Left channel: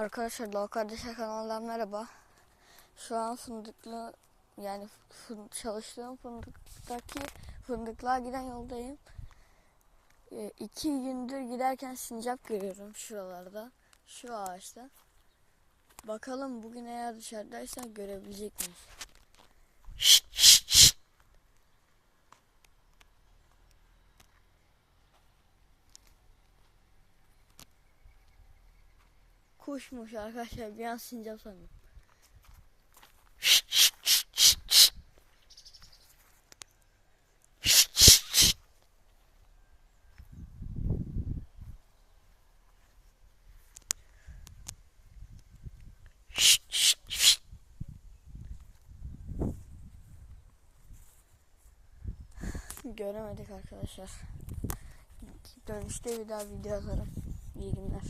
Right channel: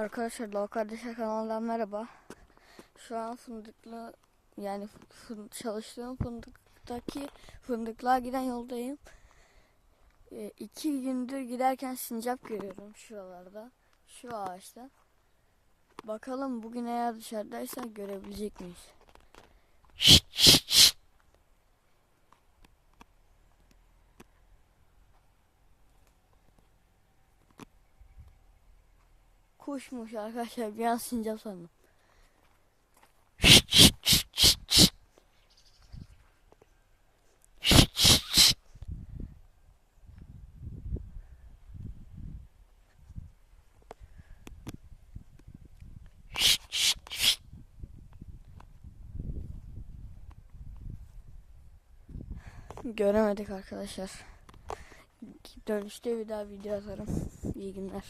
Arkadaşlar Dal Kardeşler kanalından merhaba. Şu an fındıklı yani fın- çalıştığım fındıktaki fındıklığa giden yoldayım. Ee, iki gündür giderken sincap görüyorum şuralarda. Şu ağaçta. Bakalım bugün eğer dışarıdaysak görebilecek miyiz? Kuşmuş arkadaşlar bir an sincap sandım. Göremedik arkadaşlar. Dönüşte bir daha video atarım. İyi günler.